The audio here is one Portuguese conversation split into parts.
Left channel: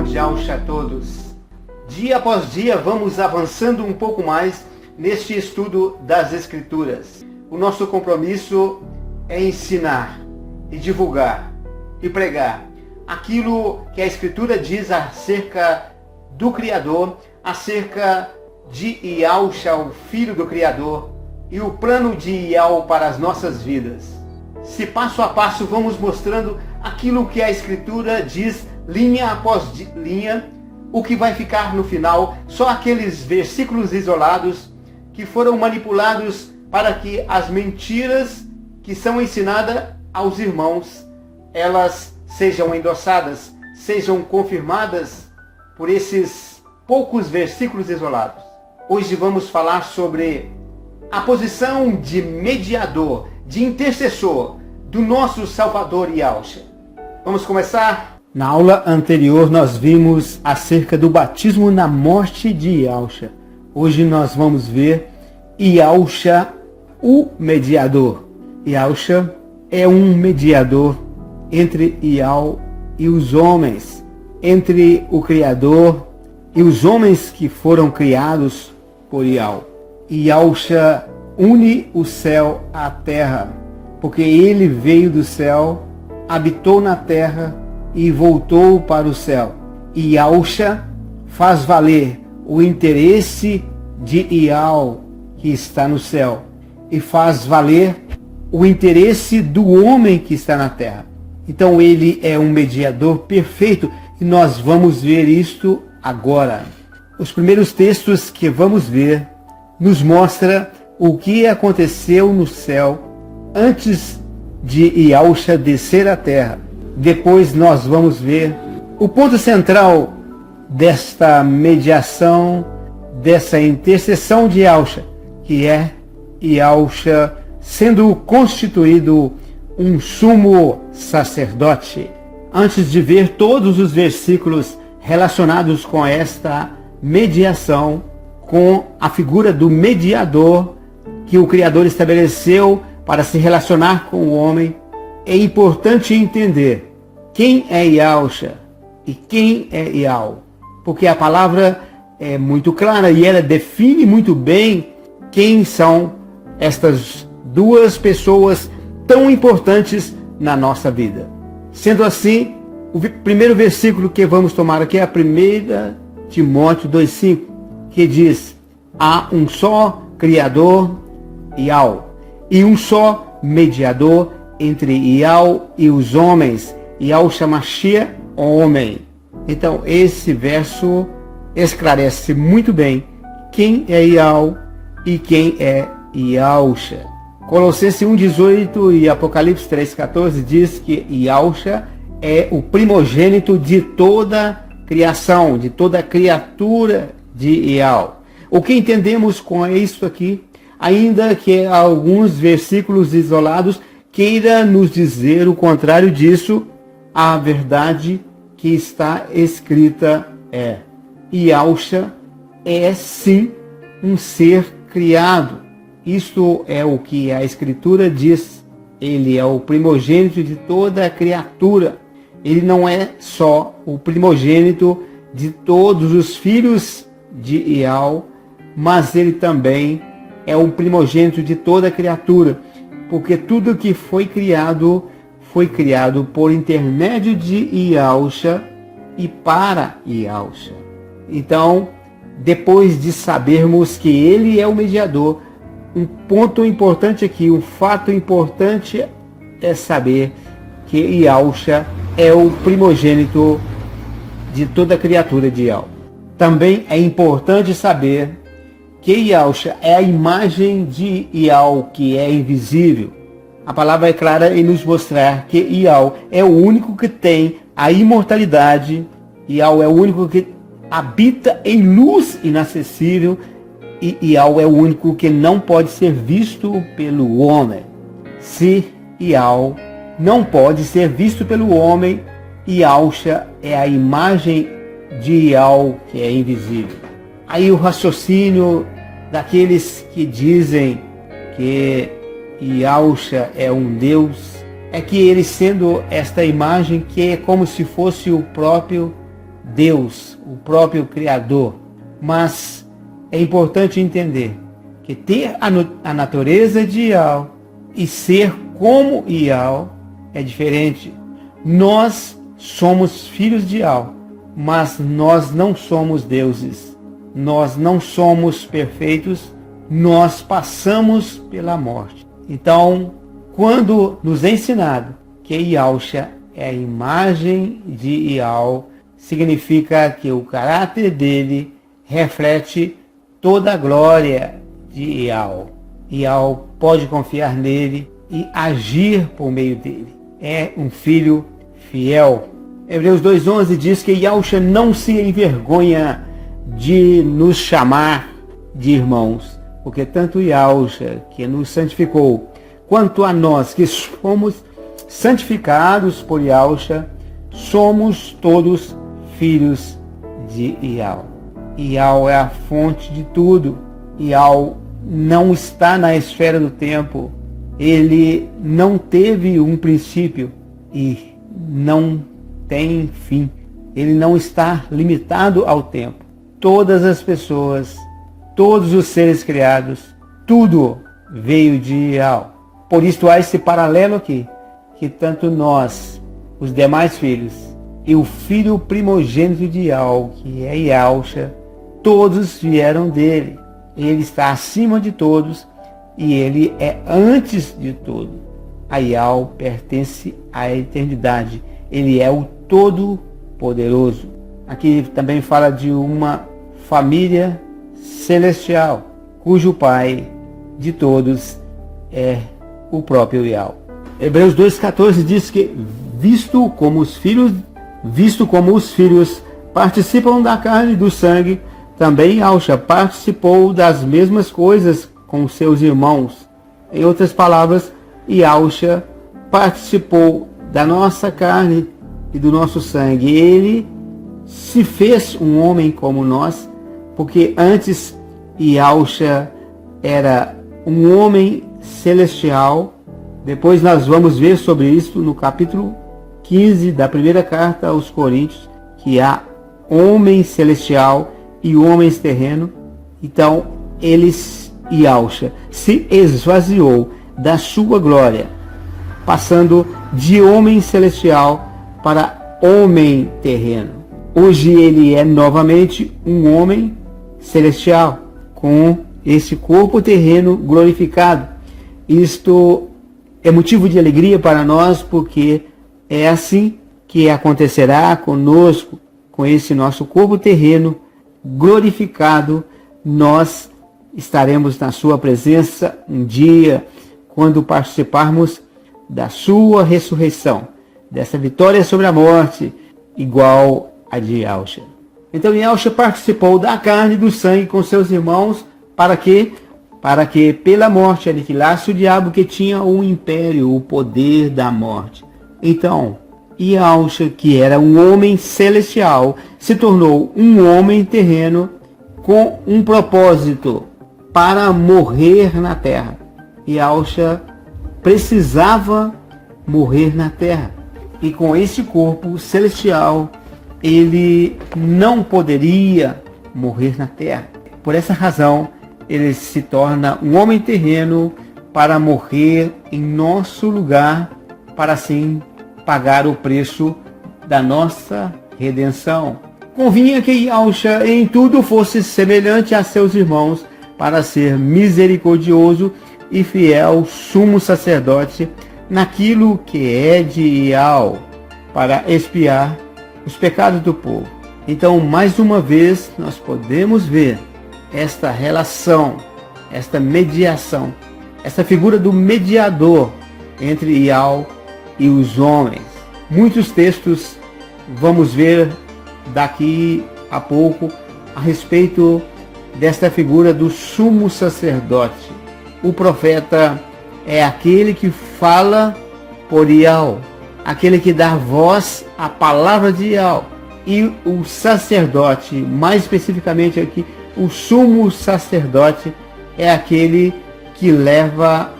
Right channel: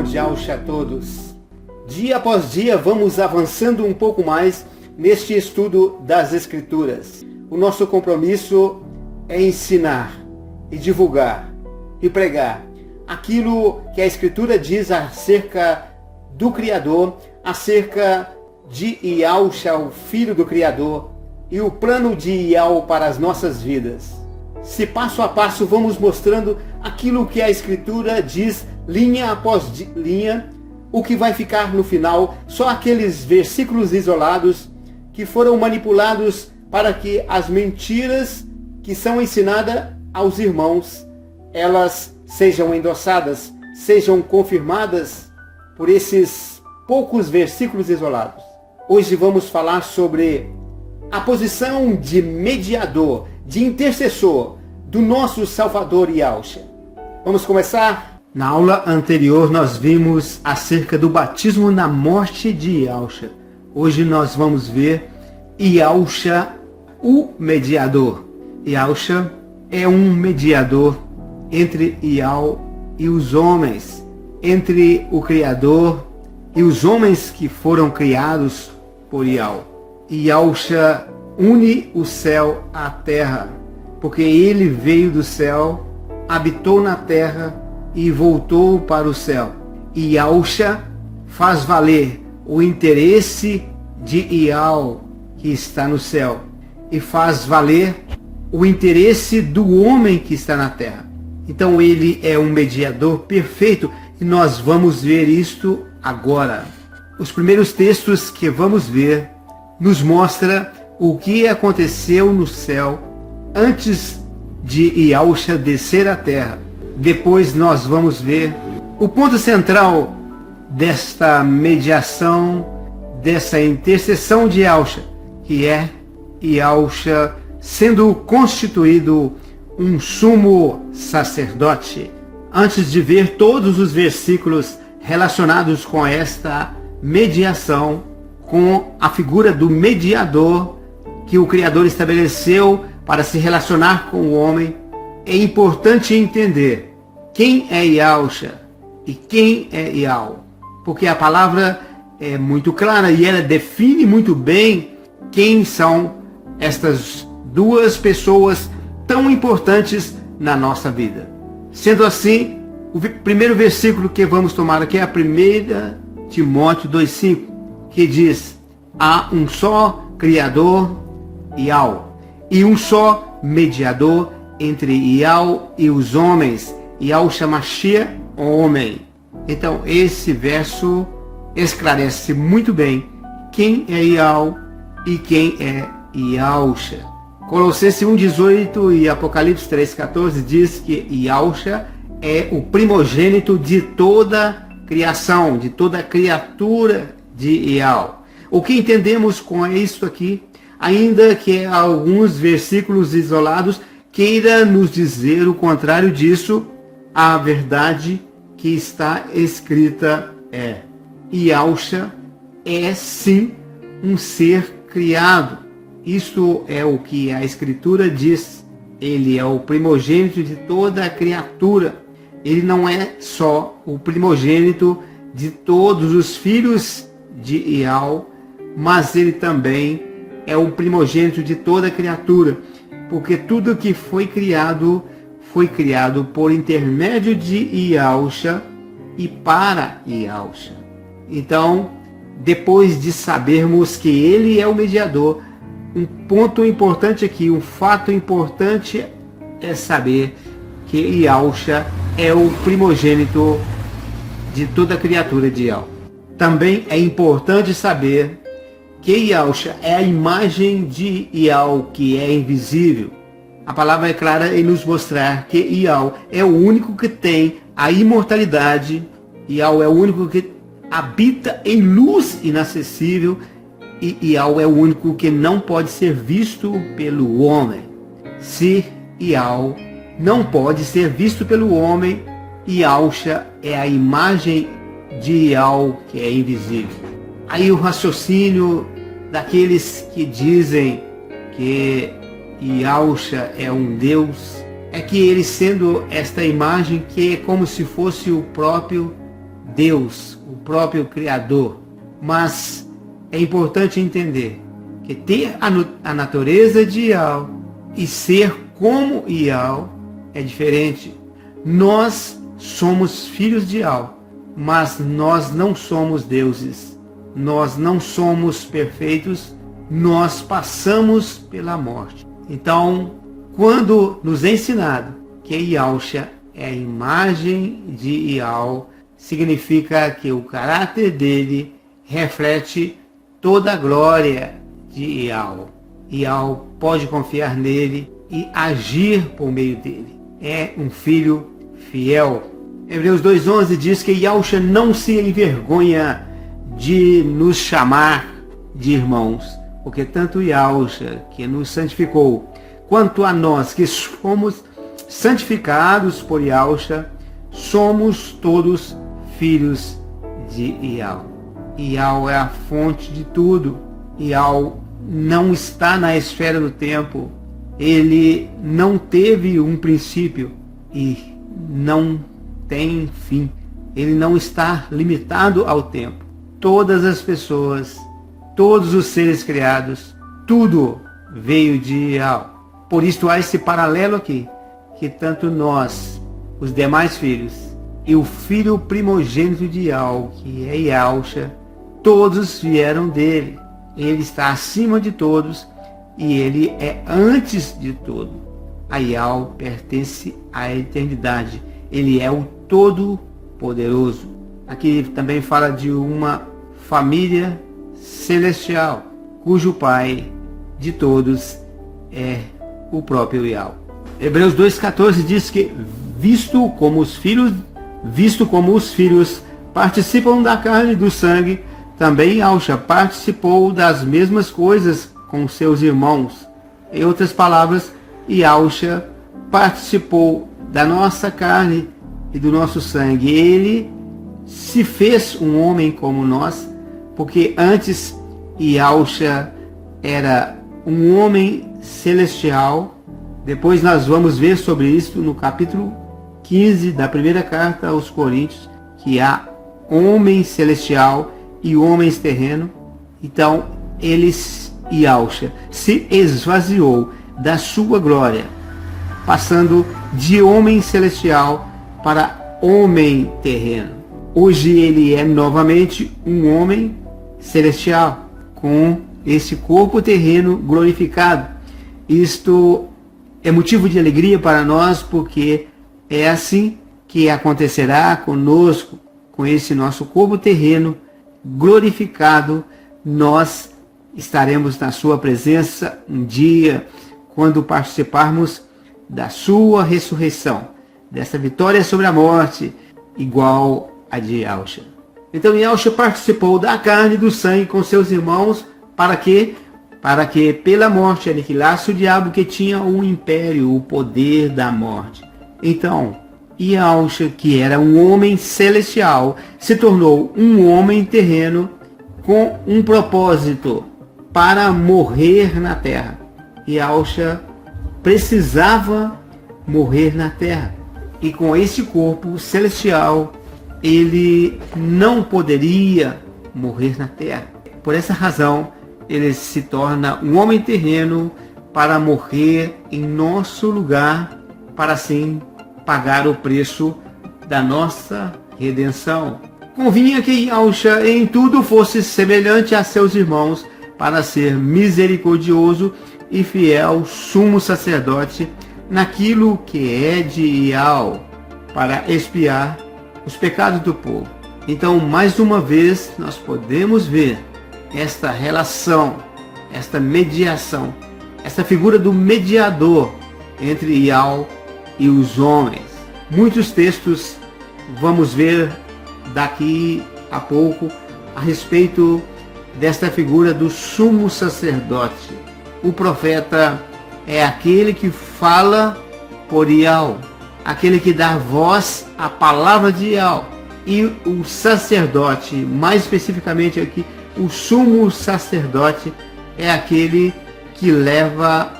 irmão de Yahushua a todos. Dia após dia vamos avançando um pouco mais neste estudo das Escrituras. O nosso compromisso é ensinar e divulgar e pregar aquilo que a Escritura diz acerca do Criador, acerca de Yahushua, o Filho do Criador, e o plano de Yahushua para as nossas vidas. Se passo a passo vamos mostrando aquilo que a Escritura diz, linha após linha, o que vai ficar no final, só aqueles versículos isolados que foram manipulados para que as mentiras que são ensinadas aos irmãos, elas sejam endossadas, sejam confirmadas por esses poucos versículos isolados. Hoje vamos falar sobre a posição de mediador, de intercessor do nosso Salvador Yahushua. Vamos começar? Na aula anterior nós vimos acerca do batismo na morte de Yahushua. Hoje nós vamos ver Yahushua, o mediador. Yahushua é um mediador entre Yahushua e os homens, entre o Criador e os homens que foram criados por Yahushua. Yahushua une o céu à terra, porque ele veio do céu, habitou na terra e voltou para o céu. E Yahushua faz valer o interesse de Yahushua que está no céu e faz valer o interesse do homem que está na terra. Então ele é um mediador perfeito e nós vamos ver isto agora. Os primeiros textos que vamos ver nos mostra o que aconteceu no céu antes de Yahushua descer à terra. Depois nós vamos ver o ponto central desta mediação, dessa intercessão de Yahushua, que é Yahushua sendo constituído um sumo sacerdote. Antes de ver todos os versículos relacionados com esta mediação, com a figura do mediador que o Criador estabeleceu para se relacionar com o homem, é importante entender quem é Yahushua e quem é Yahushua, porque a palavra é muito clara e ela define muito bem quem são estas duas pessoas tão importantes na nossa vida. Sendo assim, o primeiro versículo que vamos tomar aqui é a 1 Timóteo 2,5, que diz: há um só Criador, Yahushua, e um só mediador entre Yahushua e os homens, Yahushua Mashiach, homem. Então esse verso esclarece muito bem quem é Yahushua e quem é Yahushua. Colossenses 1,18 e Apocalipse 3,14 diz que Yahushua é o primogênito de toda criação, de toda criatura de Yahushua. O que entendemos com isso aqui, ainda que alguns versículos isolados queira nos dizer o contrário disso, a verdade que está escrita é: Yahushua é sim um ser criado. Isto é o que a Escritura diz. Ele é o primogênito de toda a criatura. Ele não é só o primogênito de todos os filhos de Yahushua, mas ele também é o primogênito de toda a criatura, porque tudo que foi criado por intermédio de Yahushua e para Yahushua. Então, depois de sabermos que ele é o mediador, um ponto importante aqui, um fato importante é saber que Yahushua é o primogênito de toda a criatura de Yahushua. Também é importante saber que Yahushua é a imagem de Yahushua que é invisível. A palavra é clara em nos mostrar que Yahushua é o único que tem a imortalidade. Yahushua é o único que habita em luz inacessível. E Yahushua é o único que não pode ser visto pelo homem. Se Yahushua não pode ser visto pelo homem, Yahushua é a imagem de Yahushua que é invisível. Aí o raciocínio daqueles que dizem que Yahushua é um Deus é que ele, sendo esta imagem que é como se fosse o próprio Deus, o próprio Criador. Mas é importante entender que ter a natureza de Yahweh e ser como Yahweh é diferente. Nós somos filhos de Yahweh, mas nós não somos deuses. Nós não somos perfeitos, nós passamos pela morte. Então, quando nos é ensinado que Yahusha é a imagem de Yahweh, significa que o caráter dele reflete toda a glória de Yahweh. Yahweh pode confiar nele e agir por meio dele. É um filho fiel. Hebreus 2:11 diz que Yahusha não se envergonha de nos chamar de irmãos, porque tanto Yahusha, que nos santificou, quanto a nós que somos santificados por Yahusha, somos todos filhos de Yahweh. Yahweh é a fonte de tudo. Yahweh não está na esfera do tempo. Ele não teve um princípio e não tem fim. Ele não está limitado ao tempo. Todas as pessoas, todos os seres criados, tudo veio de Yahweh. Por isso há esse paralelo aqui, que tanto nós, os demais filhos, e o filho primogênito de Yahweh, que é Yahusha, todos vieram dele. Ele está acima de todos e ele é antes de tudo. A Yahweh pertence à eternidade. Ele é o Todo-Poderoso. Aqui também fala de uma família celestial, cujo pai de todos é o próprio Yahweh. Hebreus 2,14 diz que, visto como os filhos participam da carne e do sangue, também Yahusha participou das mesmas coisas com seus irmãos. Em outras palavras, Yahusha participou da nossa carne e do nosso sangue. Ele se fez um homem como nós, porque antes Yahusha era um homem celestial. Depois nós vamos ver sobre isso no capítulo 15 da primeira carta aos Coríntios, que há homem celestial e homens terrenos. Então, Yahusha se esvaziou da sua glória, passando de homem celestial para homem terreno. Hoje ele é novamente um homem celestial, com esse corpo terreno glorificado. Isto é motivo de alegria para nós, porque é assim que acontecerá conosco, com esse nosso corpo terreno glorificado. Nós estaremos na sua presença um dia, quando participarmos da sua ressurreição, dessa vitória sobre a morte, igual a de Yahusha. Então Yahusha participou da carne e do sangue com seus irmãos, para que pela morte aniquilasse o diabo, que tinha o império, o poder da morte. Então, Yahusha, que era um homem celestial, se tornou um homem terreno com um propósito, para morrer na terra. Yahusha precisava morrer na terra. E com esse corpo celestial, ele não poderia morrer na terra. Por essa razão, ele se torna um homem terreno para morrer em nosso lugar, para assim pagar o preço da nossa redenção. Convinha que Yahusha em tudo fosse semelhante a seus irmãos, para ser misericordioso e fiel sumo sacerdote naquilo que é de Yahweh, para expiar os pecados do povo. Então, mais uma vez, nós podemos ver esta relação, esta mediação, essa figura do mediador entre Yahweh e os homens. Muitos textos vamos ver daqui a pouco a respeito desta figura do sumo sacerdote. O profeta é aquele que fala por Yahweh, aquele que dá voz à palavra de Yahweh. E o sacerdote, mais especificamente aqui, o sumo sacerdote, é aquele que leva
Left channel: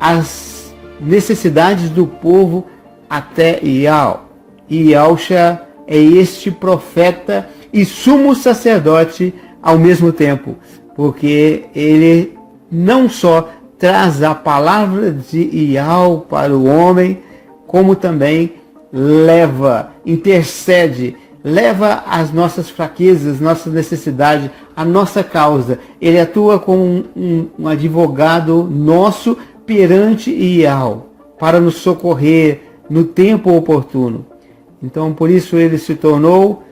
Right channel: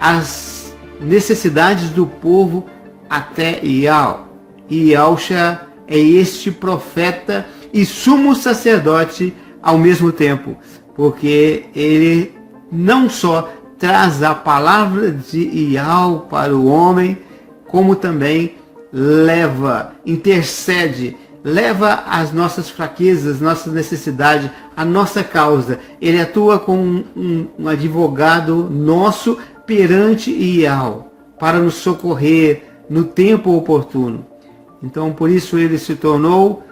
as necessidades do povo até Yahweh. E Yahusha é este profeta e sumo sacerdote ao mesmo tempo, porque ele não só traz a palavra de Yahweh para o homem, como também intercede, leva as nossas fraquezas, nossas necessidades, a nossa causa. Ele atua como um advogado nosso perante Yahweh, para nos socorrer no tempo oportuno. Então, por isso ele se tornou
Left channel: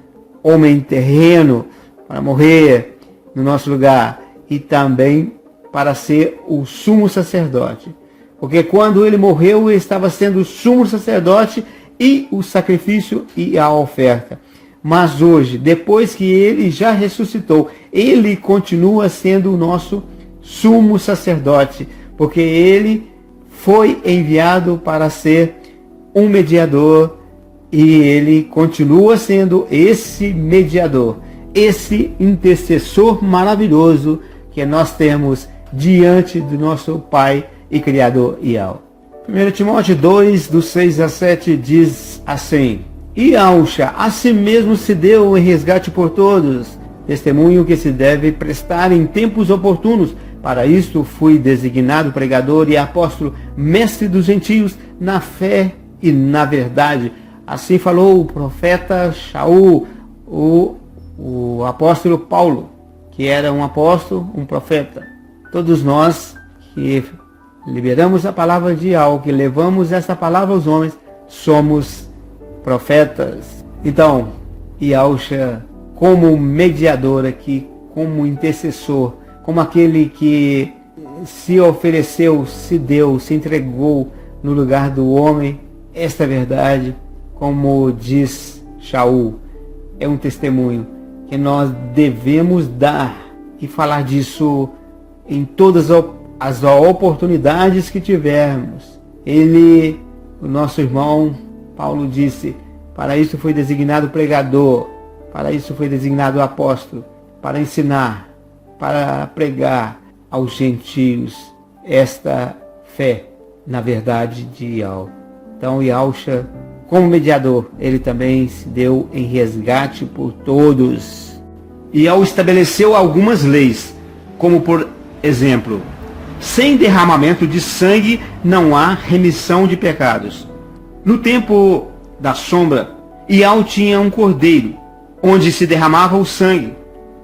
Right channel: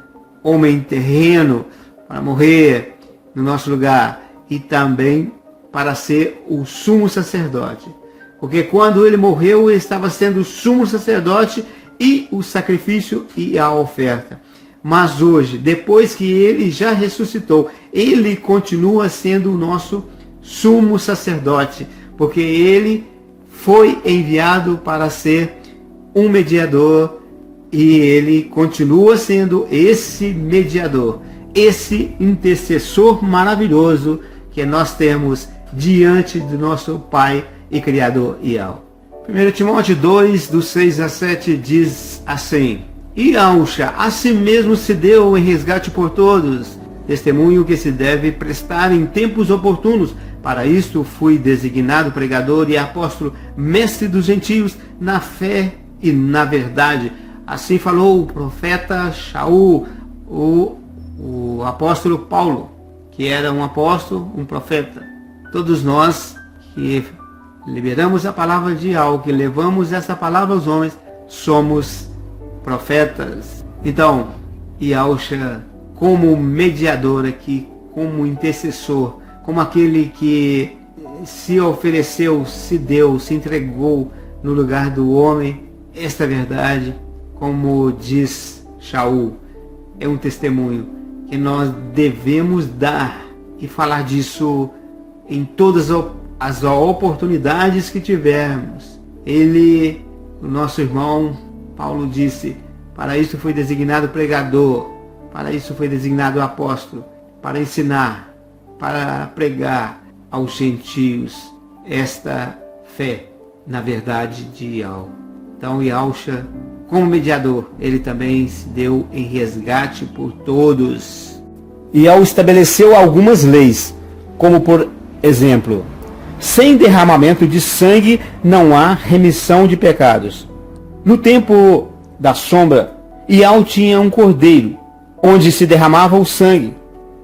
homem terreno, para morrer no nosso lugar, e também para ser o sumo sacerdote. Porque quando ele morreu, ele estava sendo o sumo sacerdote e o sacrifício e a oferta. Mas hoje, depois que ele já ressuscitou, ele continua sendo o nosso sumo sacerdote, porque ele foi enviado para ser um mediador, e ele continua sendo esse mediador, esse intercessor maravilhoso que nós temos diante do nosso Pai e Criador Yahweh. 1 Timóteo 2, do 6 a 7 diz assim: Yahusha a si mesmo se deu em resgate por todos, testemunho que se deve prestar em tempos oportunos. Para isto fui designado pregador e apóstolo, mestre dos gentios, na fé e na verdade. Assim falou o profeta Shaul, o apóstolo Paulo, que era um apóstolo, um profeta. Todos nós que liberamos a palavra de Yahweh, que levamos essa palavra aos homens, somos profetas. Então, Yahusha, como mediador aqui, como intercessor, como aquele que se ofereceu, se deu, se entregou no lugar do homem, esta verdade, como diz Shaul, é um testemunho que nós devemos dar e falar disso em todas as oportunidades que tivermos. Ele, o nosso irmão Paulo disse: para isso foi designado pregador, para isso foi designado apóstolo, para ensinar, para pregar aos gentios esta fé na verdade de Yahweh. Então Yahusha, como mediador, ele também se deu em resgate por todos. Yahweh estabeleceu algumas leis, como por exemplo, sem derramamento de sangue não há remissão de pecados. No tempo da sombra, Yahweh tinha um cordeiro, onde se derramava o sangue,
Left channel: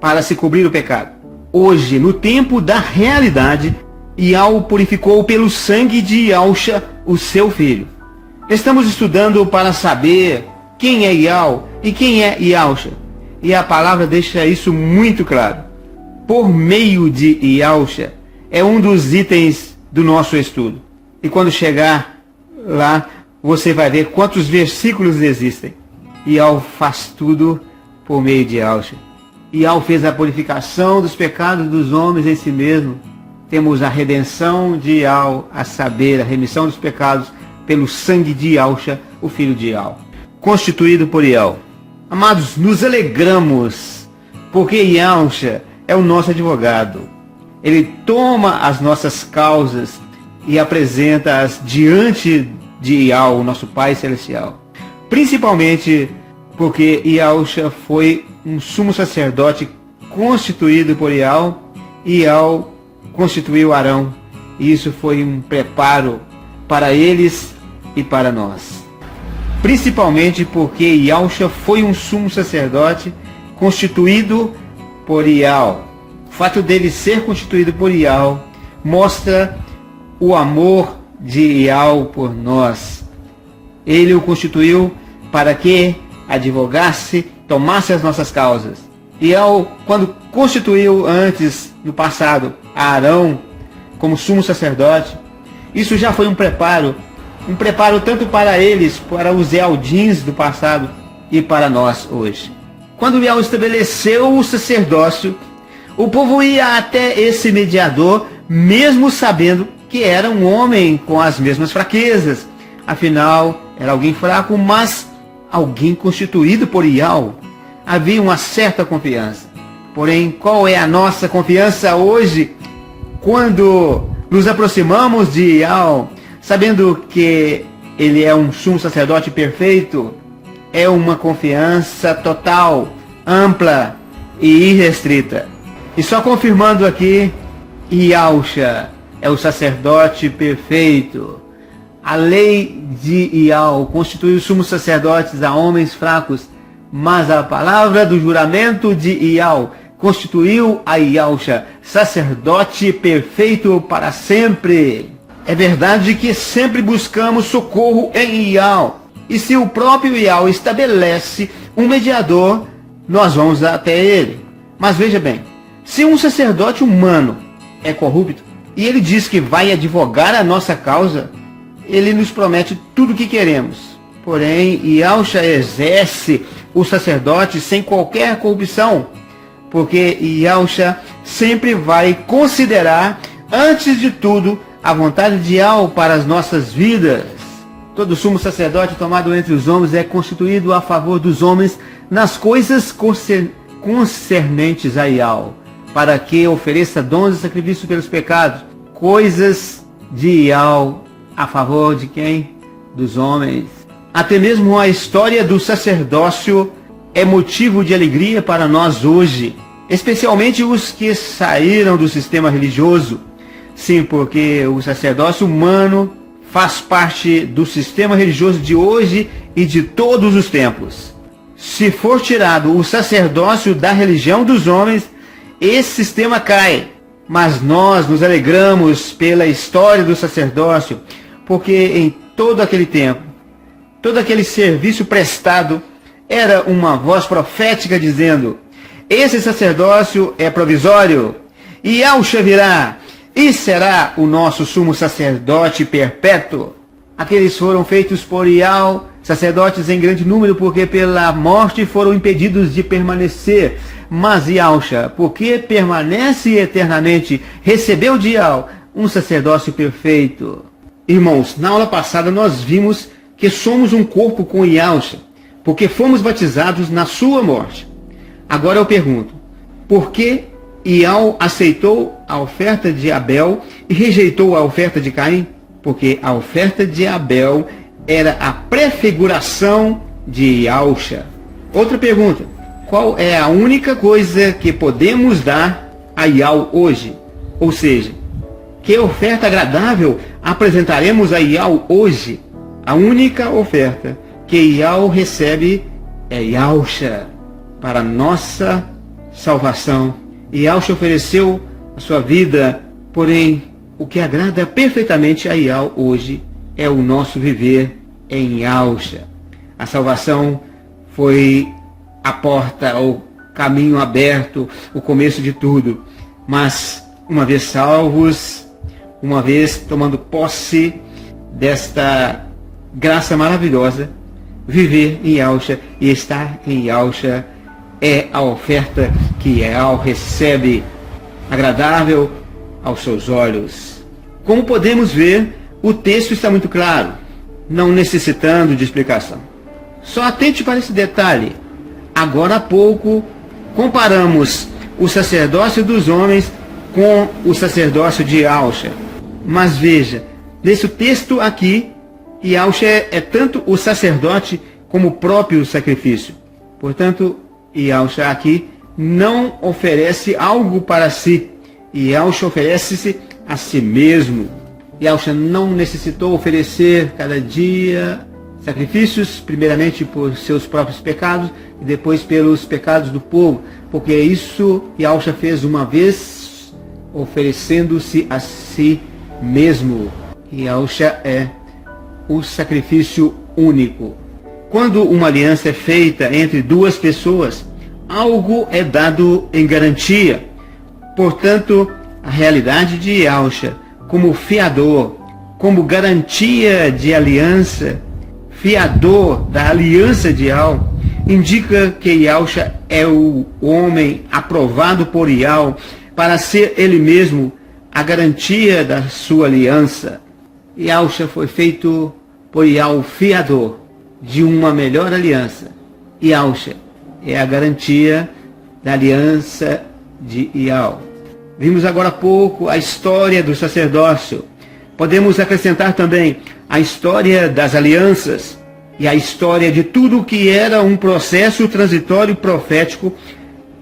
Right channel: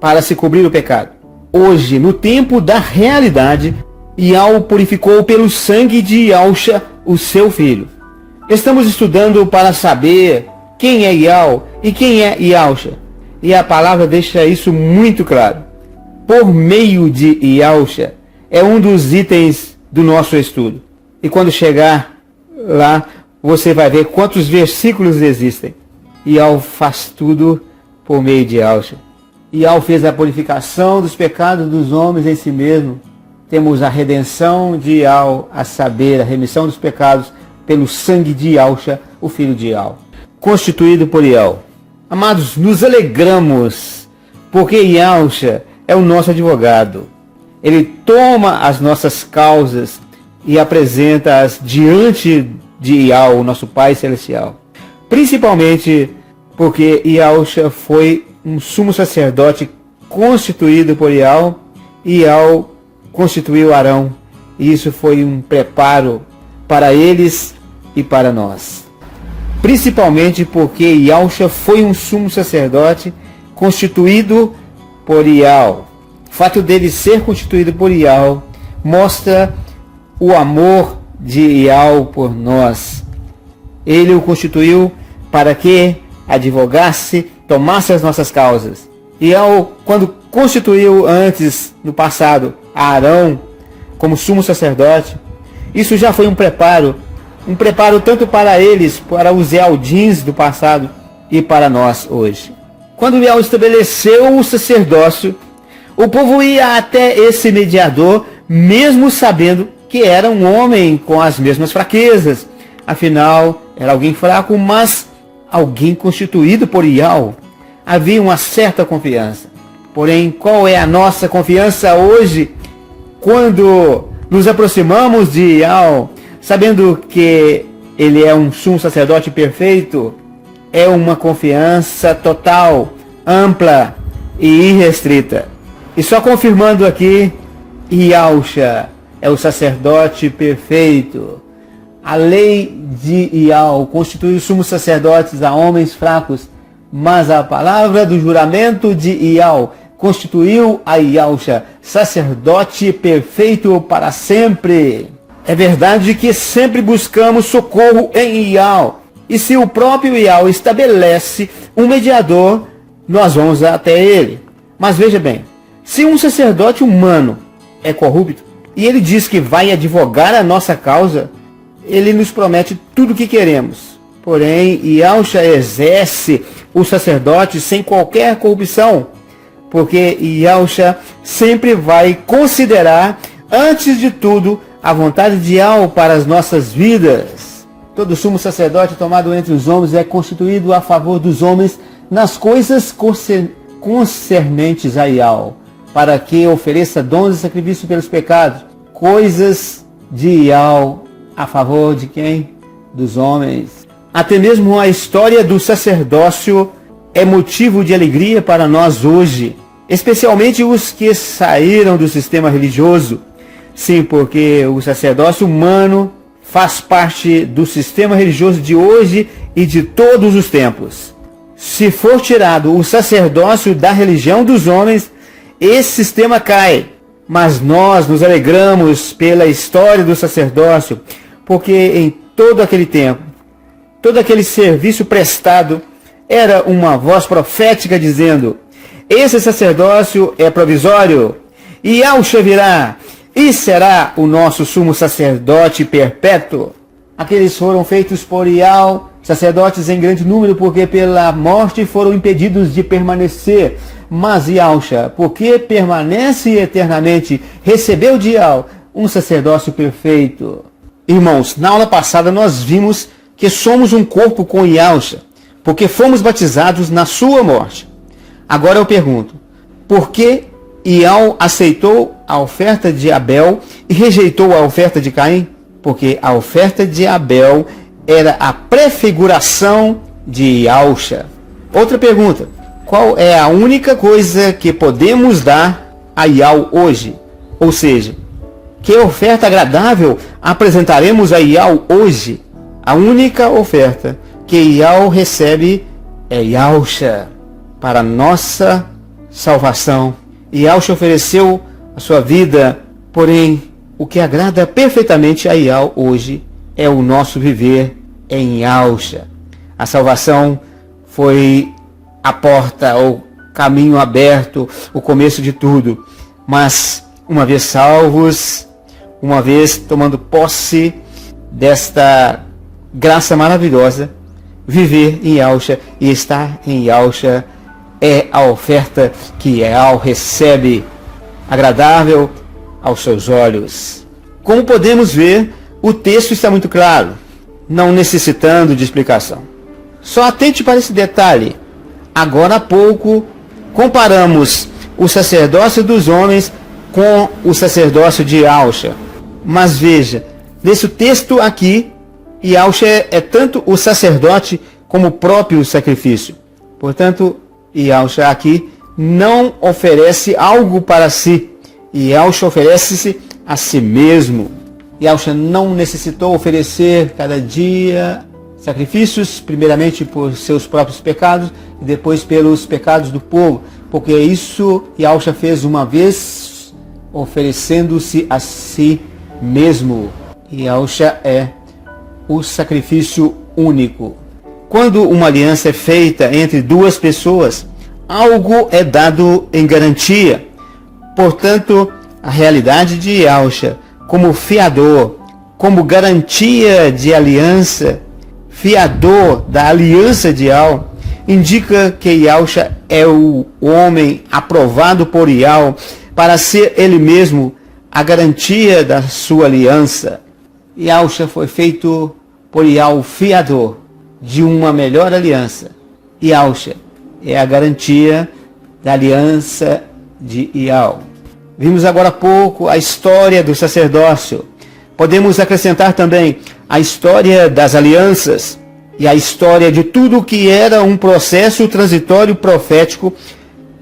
para se cobrir o pecado. Hoje, no tempo da realidade, Yahweh purificou pelo sangue de Yahusha, o seu filho. Estamos estudando para saber quem é Yahweh e quem é Yahusha, e a palavra deixa isso muito claro. Por meio de Yahusha, é um dos itens do nosso estudo. E quando chegar lá, você vai ver quantos versículos existem. Yahweh faz tudo por meio de Yahusha. Yahweh fez a purificação dos pecados dos homens em si mesmo. Temos a redenção de Yahweh, a saber, a remissão dos pecados pelo sangue de Yahusha, o filho de Yahweh, constituído por Yahweh. Amados, nos alegramos, porque Yahusha é o nosso advogado. Ele toma as nossas causas e apresenta-as diante de Yahweh, nosso Pai Celestial. Principalmente porque Yahusha foi um sumo sacerdote constituído por Yahweh, e Yahweh constituiu Arão. E isso foi um preparo para eles e para nós. Principalmente porque Yahusha foi um sumo sacerdote constituído por Yahweh. O fato dele ser constituído por Yahweh mostra o amor de Yahweh por nós. Ele o constituiu para que advogasse, tomasse as nossas causas. Yahweh, quando constituiu antes, no passado, Arão como sumo sacerdote, isso já foi um preparo tanto para eles, para os Ealdins do passado, e para nós hoje. Quando Yahweh estabeleceu o sacerdócio, o povo ia até esse mediador, mesmo sabendo que era um homem com as mesmas fraquezas. Afinal, era alguém fraco, mas alguém constituído por Yahweh. Havia uma certa confiança. Porém, qual é a nossa confiança hoje, quando nos aproximamos de Yahweh, sabendo que ele é um sumo sacerdote perfeito? é uma confiança total, ampla e irrestrita. E só confirmando aqui, Yahusha é o sacerdote perfeito. A lei de Ial constitui os sumos sacerdotes a homens fracos, mas a palavra do juramento de Ial constituiu a Yahusha sacerdote perfeito para sempre. É verdade que sempre buscamos socorro em Ial, e se o próprio Ial estabelece um mediador, nós vamos até ele. Mas veja bem, se um sacerdote humano é corrupto e ele diz que vai advogar a nossa causa, ele nos promete tudo o que queremos. Porém, Yahusha exerce o sacerdote sem qualquer corrupção, porque Yahusha sempre vai considerar, antes de tudo, a vontade de Yahweh para as nossas vidas. Todo sumo sacerdote tomado entre os homens é constituído a favor dos homens nas coisas concernentes a Yahweh, para que ofereça dons e sacrifício pelos pecados, coisas de Yahweh a favor de quem? Dos homens. Até mesmo a história do sacerdócio é motivo de alegria para nós hoje, especialmente os que saíram do sistema religioso. Sim, porque o sacerdócio humano faz parte do sistema religioso de hoje e de todos os tempos. Se for tirado o sacerdócio da religião dos homens, esse sistema cai. Mas nós nos alegramos pela história do sacerdócio, porque em todo aquele tempo, todo aquele serviço prestado era uma voz profética dizendo: esse sacerdócio é provisório, e Yahusha virá e será o nosso sumo sacerdote perpétuo. Aqueles foram feitos por Yahweh, sacerdotes em grande número, porque pela morte foram impedidos de permanecer. Mas Yahusha, porque permanece eternamente, recebeu de Yahweh um sacerdócio perfeito. Irmãos, na aula passada nós vimos que somos um corpo com Yahusha, porque fomos batizados na sua morte. Agora eu pergunto, por que Yahweh aceitou a oferta de Abel e rejeitou a oferta de Caim? Porque a oferta de Abel era a prefiguração de Yahusha. Outra pergunta, qual é a única coisa que podemos dar a Yahweh hoje? Ou seja, que oferta agradável apresentaremos a Yahweh hoje? A única oferta que Yahweh recebe é Yahusha para nossa salvação. Yahusha ofereceu a sua vida, porém, o que agrada perfeitamente a Yahweh hoje é o nosso viver em Yahusha. A salvação foi a porta, o caminho aberto, o começo de tudo. Mas, uma vez salvos, uma vez tomando posse desta graça maravilhosa, viver em Yahusha e estar em Yahusha é a oferta que Yahweh recebe, agradável aos seus olhos. Como podemos ver, o texto está muito claro, não necessitando de explicação. Só atente para esse detalhe. Agora há pouco, comparamos o sacerdócio dos homens com o sacerdócio de Yahusha. Mas veja, nesse texto aqui, Yahusha é tanto o sacerdote como o próprio sacrifício. Portanto, Yahusha aqui não oferece algo para si. Yahusha oferece-se a si mesmo. Yahusha não necessitou oferecer cada dia sacrifícios, primeiramente por seus próprios pecados e depois pelos pecados do povo, porque isso Yahusha fez uma vez, oferecendo-se a si mesmo. Yahusha é o sacrifício único. Quando uma aliança é feita entre duas pessoas, algo é dado em garantia. Portanto, a realidade de Yahusha como fiador, como garantia de aliança, fiador da aliança de Yahweh, indica que Yahusha é o homem aprovado por Yahweh para ser ele mesmo a garantia da sua aliança. Yahusha foi feito por Yahweh fiador de uma melhor aliança. Yahusha é a garantia da aliança de Yahweh. Vimos agora há pouco a história do sacerdócio. Podemos acrescentar também a história das alianças. e a história de tudo que era um processo transitório profético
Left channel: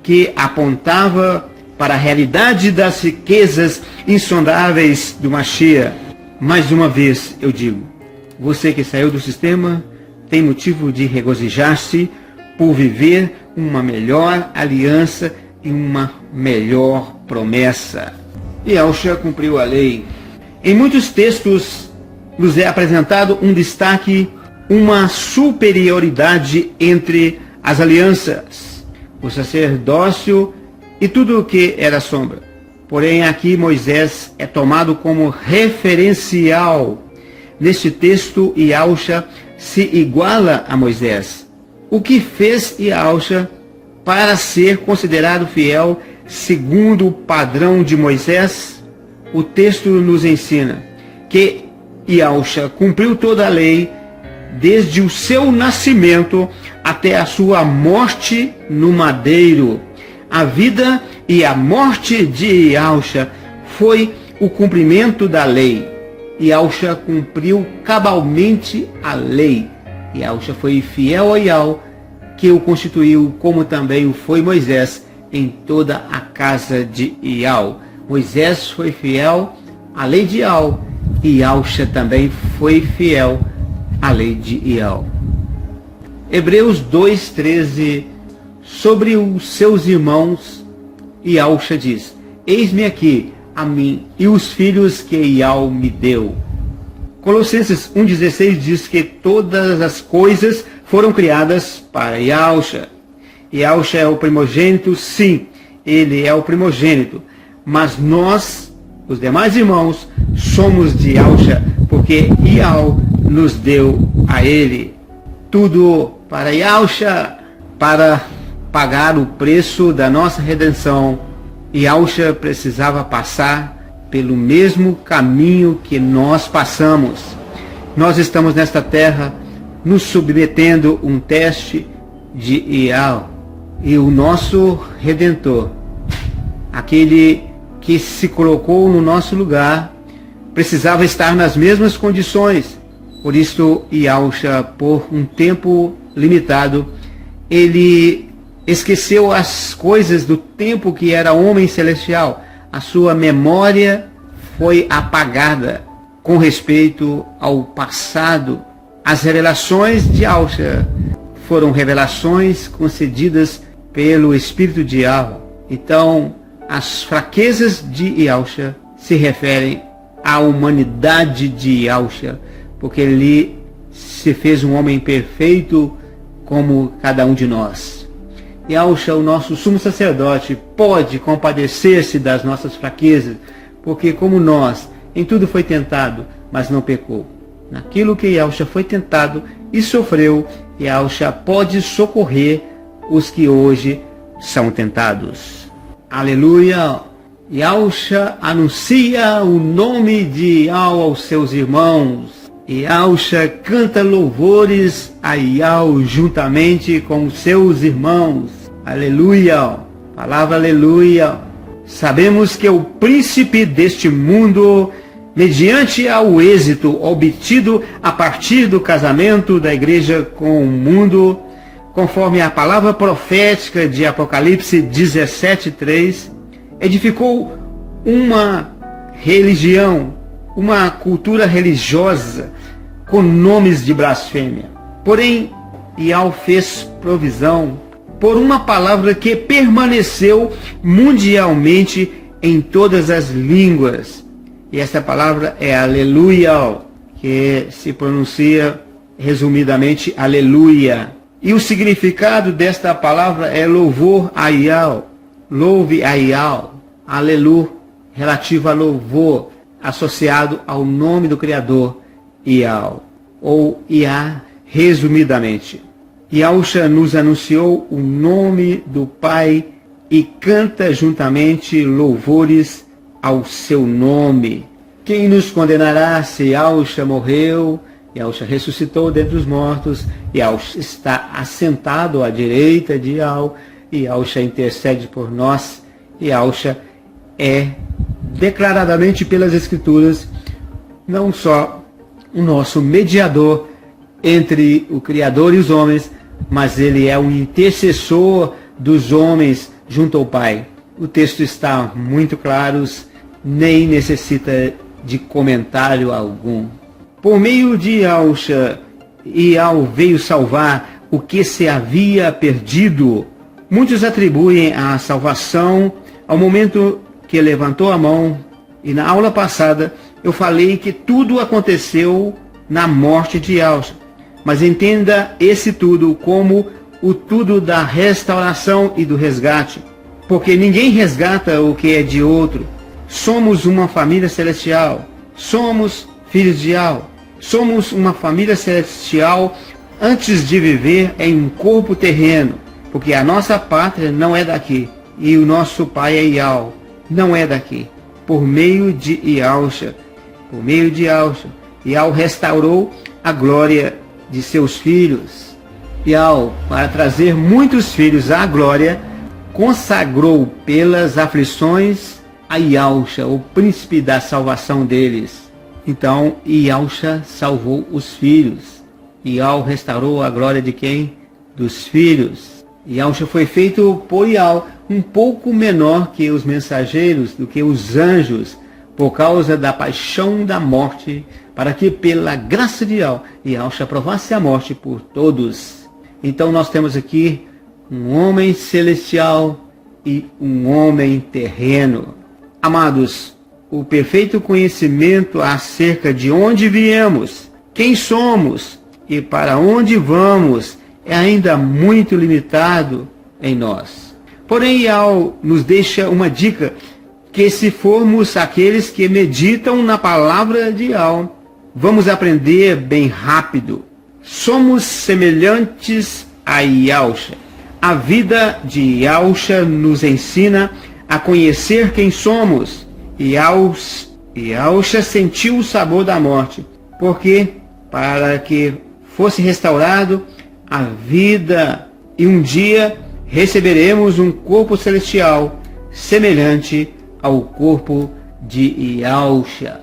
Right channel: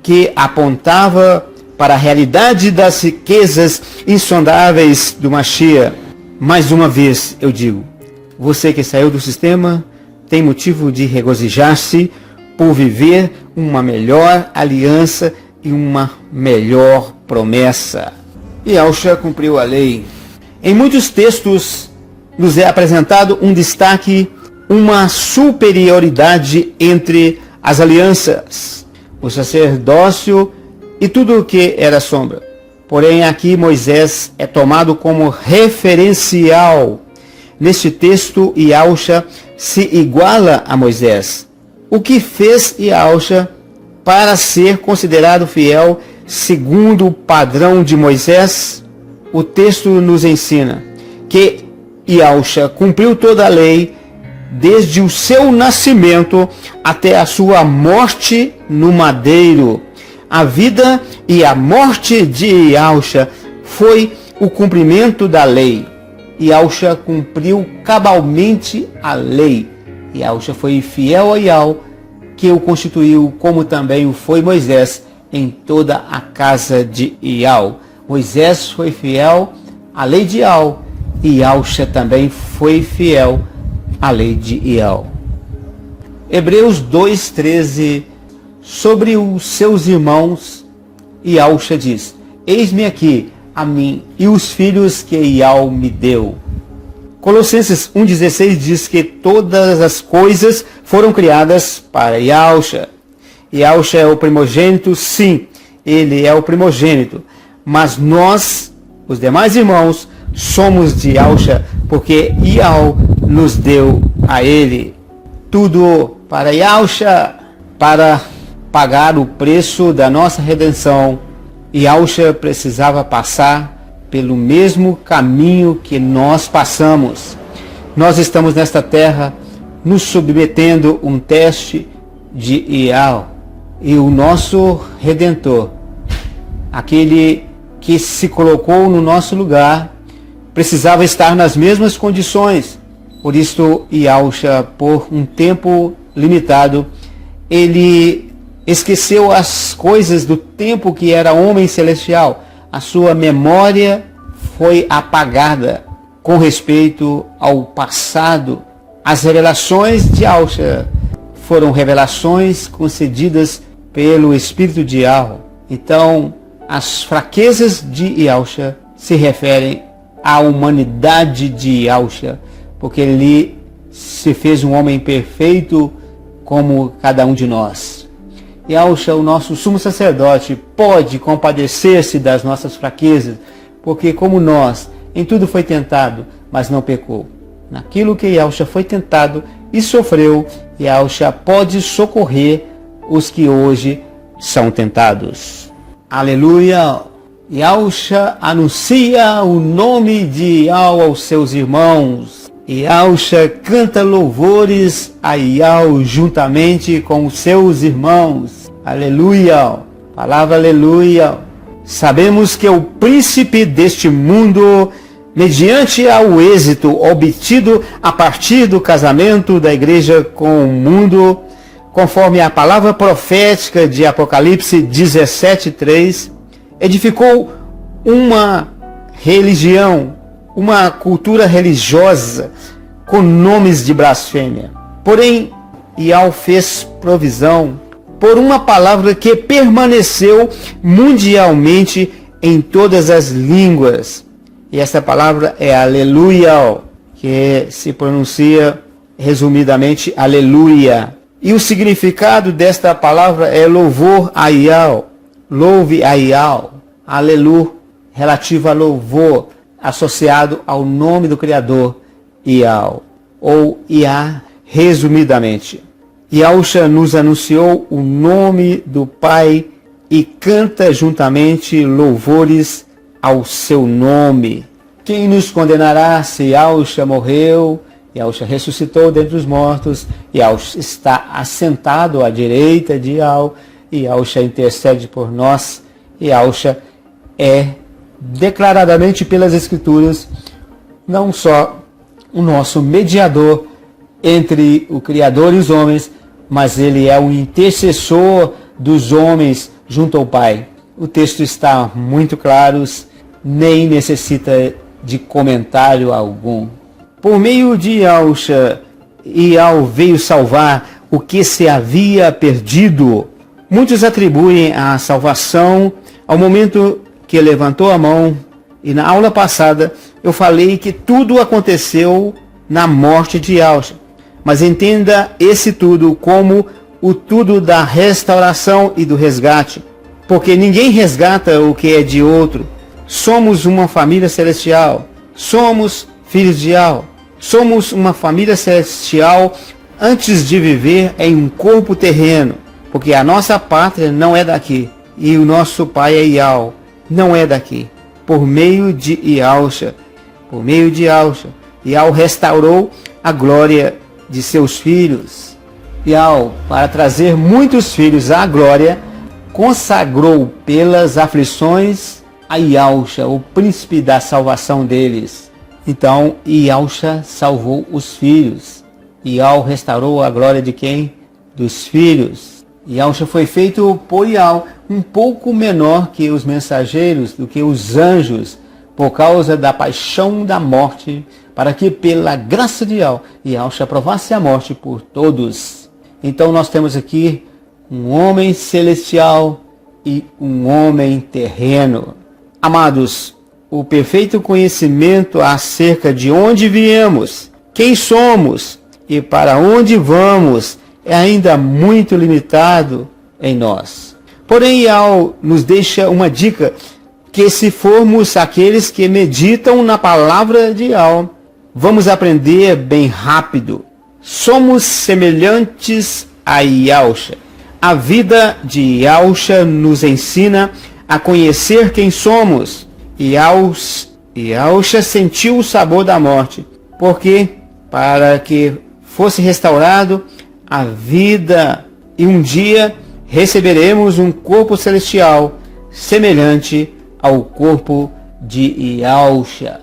que apontava para a realidade das riquezas insondáveis do Mashiach. Mais uma vez eu digo, você que saiu do sistema tem motivo de regozijar-se por viver uma melhor aliança e uma melhor promessa. Yahushua cumpriu a lei. Em muitos textos nos é apresentado um destaque, uma superioridade entre as alianças, o sacerdócio e tudo o que era sombra. Porém, aqui Moisés é tomado como referencial. Neste texto, Yahushua se iguala a Moisés. O que fez Yahushua para ser considerado fiel segundo o padrão de Moisés? O texto nos ensina que Yahushua cumpriu toda a lei desde o seu nascimento até a sua morte no madeiro. A vida e a morte de Yahushua foi o cumprimento da lei. Yahushua cumpriu cabalmente a lei. Yahushua foi fiel a Yahweh, que o constituiu, como também o foi Moisés em toda a casa de Yahweh. Moisés foi fiel à lei de Yahweh e Yahushua também foi fiel à lei de Yahweh. Hebreus 2:13. Sobre os seus irmãos, Yahushua diz: eis-me aqui, a mim e os filhos que Yahweh me deu. Colossenses 1:16 diz que todas as coisas foram criadas para Yahushua. Yahushua é o primogênito, sim, ele é o primogênito. Mas nós, os demais irmãos, somos de Yahushua, porque Yahweh nos deu a ele. Tudo para Yahushua, para pagar o preço da nossa redenção. Yahushua precisava passar pelo mesmo caminho que nós passamos. Nós estamos nesta terra nos submetendo um teste de Yahweh. E o nosso Redentor, aquele que se colocou no nosso lugar, precisava estar nas mesmas condições. Por isso, Yahushua, por um tempo limitado, ele esqueceu as coisas do tempo que era homem celestial. A sua memória foi apagada com respeito ao passado. As revelações de Yahushua foram revelações concedidas pelo Espírito de Yahweh. Então, as fraquezas de Yahushua se referem à humanidade de Yahushua, porque ele se fez um homem perfeito como cada um de nós. Yahushua, o nosso sumo sacerdote, pode compadecer-se das nossas fraquezas, porque como nós, em tudo foi tentado, mas não pecou. Naquilo que Yahushua foi tentado e sofreu, Yahushua pode socorrer os que hoje são tentados. Aleluia! Yahushua anuncia o nome de Yahweh aos seus irmãos. Yahushua canta louvores a Yahweh juntamente com os seus irmãos. Aleluia! Palavra aleluia! Sabemos que o príncipe deste mundo, mediante ao êxito obtido a partir do casamento da igreja com o mundo, conforme a palavra profética de Apocalipse 17:3, edificou uma religião, uma cultura religiosa com nomes de blasfêmia. Porém, Yahweh fez provisão por uma palavra que permaneceu mundialmente em todas as línguas. E essa palavra é aleluia, que se pronuncia resumidamente aleluia. E o significado desta palavra é louvor a Yahweh, louve a Yahweh, aleluia, relativo a louvor, associado ao nome do Criador, Yahweh, ou Yah, resumidamente. Yahushua nos anunciou o nome do Pai e canta juntamente louvores ao seu nome. Quem nos condenará se Yahushua morreu? Yahushua ressuscitou dentre os mortos, Yahushua está assentado à direita de Yahweh, Yahushua intercede por nós, Yahushua é declaradamente pelas Escrituras não só o nosso mediador, entre o Criador e os homens, mas ele é o intercessor dos homens junto ao Pai. O texto está muito claro, nem necessita de comentário algum. Por meio de Yahshua, Ial veio salvar o que se havia perdido. Muitos atribuem a salvação ao momento que levantou a mão, e na aula passada eu falei que tudo aconteceu na morte de Yahshua. Mas entenda esse tudo como o tudo da restauração e do resgate. Porque ninguém resgata o que é de outro. Somos uma família celestial. Somos filhos de Yahweh. Somos uma família celestial antes de viver em um corpo terreno. Porque a nossa pátria não é daqui. E o nosso pai é Yahweh. Não é daqui. Por meio de Yahshua. Por meio de Yahshua. Yahweh restaurou a glória de seus filhos. Yahweh, para trazer muitos filhos à glória, consagrou pelas aflições a Yahshua, o príncipe da salvação deles. Então, Yahshua salvou os filhos. Yahweh restaurou a glória de quem? Dos filhos. Yahshua foi feito por Yahweh um pouco menor que os mensageiros, do que os anjos, por causa da paixão da morte, para que pela graça de Yahshua aprovasse a morte por todos. Então nós temos aqui um homem celestial e um homem terreno. Amados, o perfeito conhecimento acerca de onde viemos, quem somos e para onde vamos é ainda muito limitado em nós. Porém, Yahweh nos deixa uma dica, que se formos aqueles que meditam na palavra de Yahweh, vamos aprender bem rápido. Somos semelhantes a Yahshua. A vida de Yahshua nos ensina a conhecer quem somos. Yahshua sentiu o sabor da morte, porque para que fosse restaurado a vida e um dia receberemos um corpo celestial semelhante ao corpo de Yahshua.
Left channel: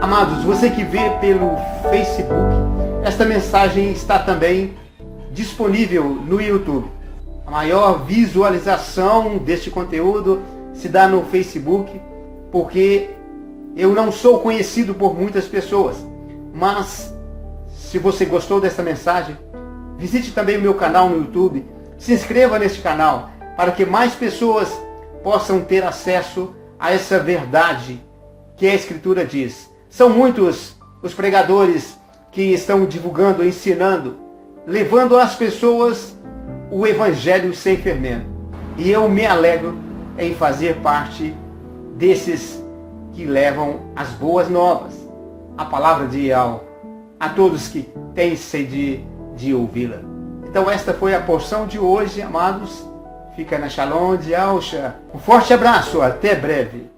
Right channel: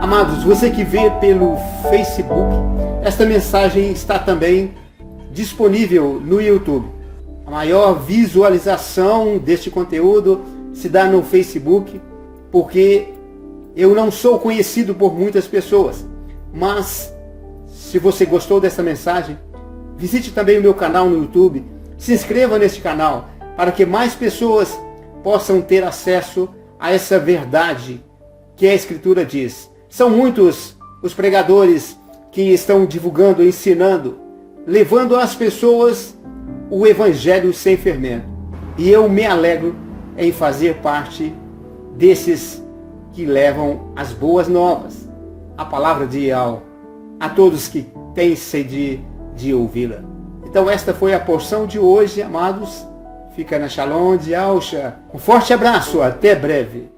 Amados, você que vê pelo Facebook, esta mensagem está também disponível no YouTube. A maior visualização deste conteúdo se dá no Facebook, porque eu não sou conhecido por muitas pessoas. Mas, se você gostou dessa mensagem, visite também o meu canal no YouTube, se inscreva neste canal, para que mais pessoas possam ter acesso a essa verdade que a Escritura diz. São muitos os pregadores que estão divulgando, ensinando, levando às pessoas o Evangelho sem fermento. E eu me alegro em fazer parte desses que levam as boas novas, a palavra de Yahweh, a todos que têm sede de ouvi-la. Então esta foi a porção de hoje, amados. Fica na Shalom de Yahshua. Um forte abraço, até breve.